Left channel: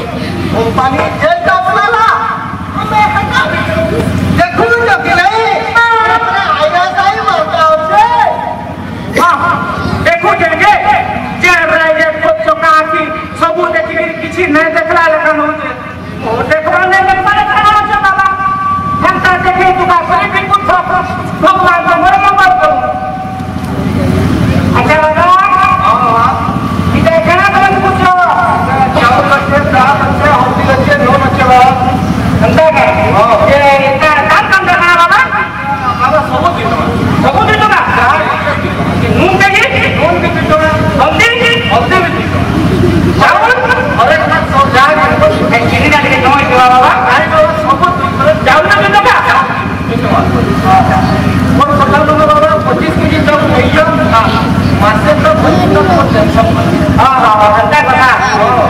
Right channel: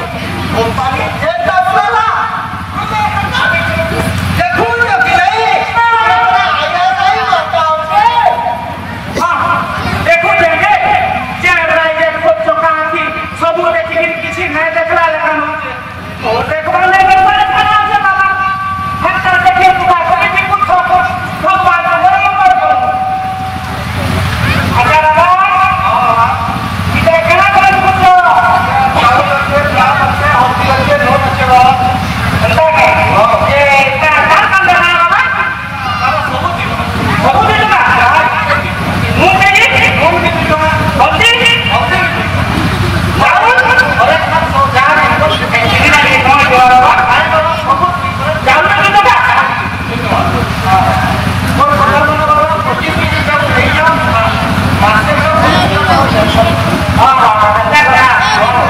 company jail आपल्याला देखून की नहीं अपने आया साई मारता हमसे हां देखू जेगे जे ब्राइजे को चोका की सब देखि किछि नहीं देखला लेकिन होजे ओ देखबा नहीं देखबा कहां से बाबा घंटा देखि तुका कोई भी कुछ सब मान दे मोर नंबर को अच्छा बाबा हां इधर कहां कौन कुछ जाओ बच्चे रात बच्चे होती बच्चे नो बच्चे बाबा घंटा का ये इतना काम करना है बाबा बाबा सब दिन का नून चाहिए नून भी तो हल्दी भी चावल और एक साथ सौ जान इनको चीनी डाल के नौ जो बाबा खाए तो सब चावल में तो का और पकड़ लो बाबा 25 केजी जब नहीं जो मासे तो हां हां हां घंटा का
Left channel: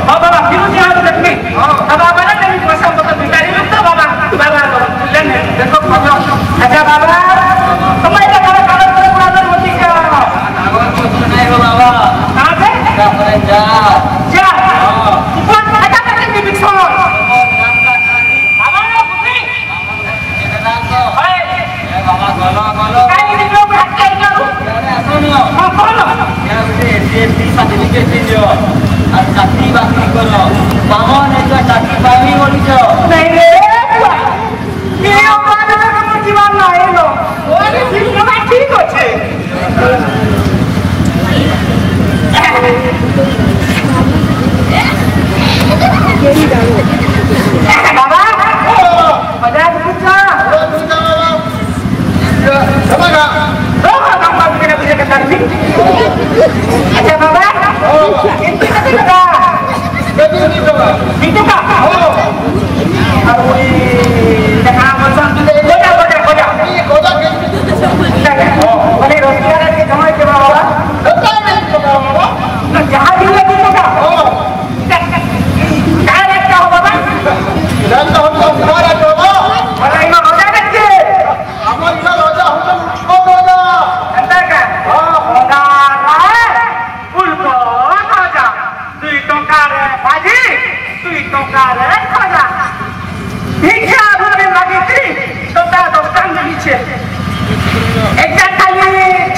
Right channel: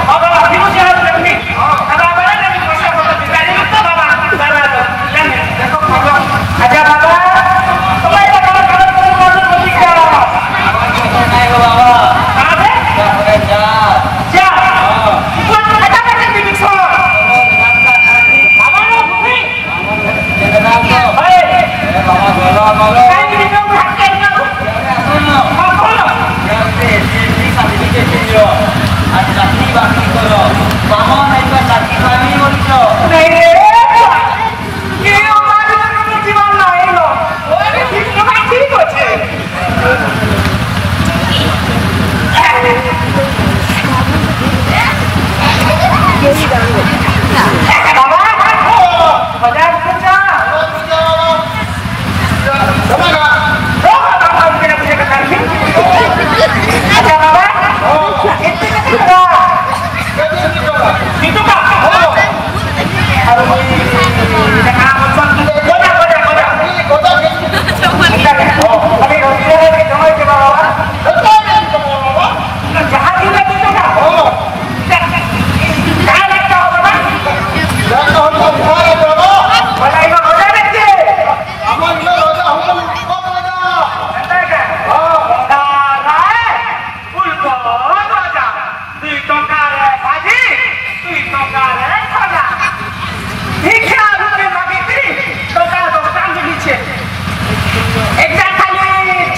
हां बाबा किलो से हाथ रखनी अब बाबा ने नहीं पैसा को बिचारी लोग तो बाबा बाबा देखो पकड़ो अच्छा बाबा तुम्हारा खाना खाना पूरा होती का नहीं बाबा कहां से जा पर जा हां ऊपर हटा कर के बिछो बाबा ने बुद्धि जनरल को ए बाबा बोलो काई दिन लोग हाथ कर करो सुनो हां बोलो या ये सर्टिफिकेट जो और चाकरी बाकरी करो बाबा ने जो चाकरी पावी बोली जो नहीं रे ये बात तो जीवन नहीं लो ओरे ठीक होछे केरी डाल बाबा बाजार पूछा बाबा समझा तो हम के पूछे करता नहीं अच्छा बाबा इतने कितना कितना का हो और वही देखा मसन गोजा हो बने रोटी के जमाई के बाबा जहां भी लगी तो का हो क्या लगता हो बाबा लगता हो तो तुम्हारा बाबा भला इमा रोजा रखते हम इमा रोजा हम को रोजा अंदर का हां रोजा है फुल को रोजा तू तो करे बाजी तू तो करे खाना भिक्षा भूखे लगी थी तो का तो कांद नीचे एक जा खाली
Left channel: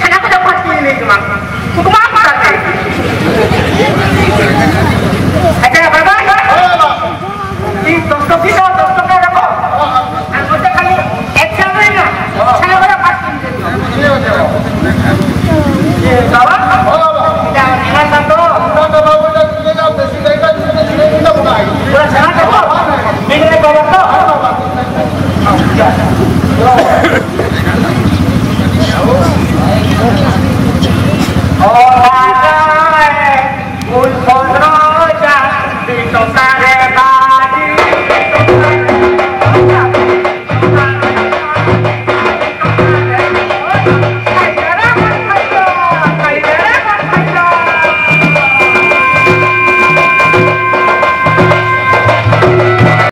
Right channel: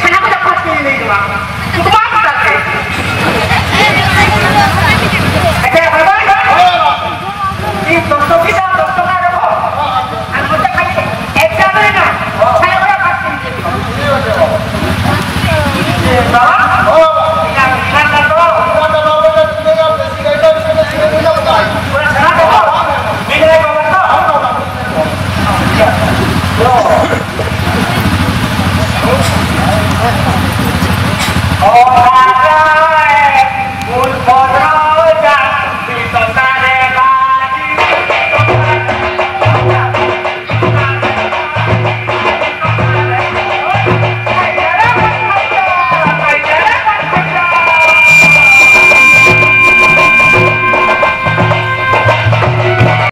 छना को फट के नहीं जमा तू कमा करते अच्छा बाबा तीन दोस्तों के साथ दोस्तों का रखो और मुझे खाली एक जाना है ना छना को फट के ये बाबा क्या निकालना तो बाबा ने तुम्हें बेसी गाइड तुम्हें ना बुलाई पूरा छना रखो बिगड़े को बता हम क्या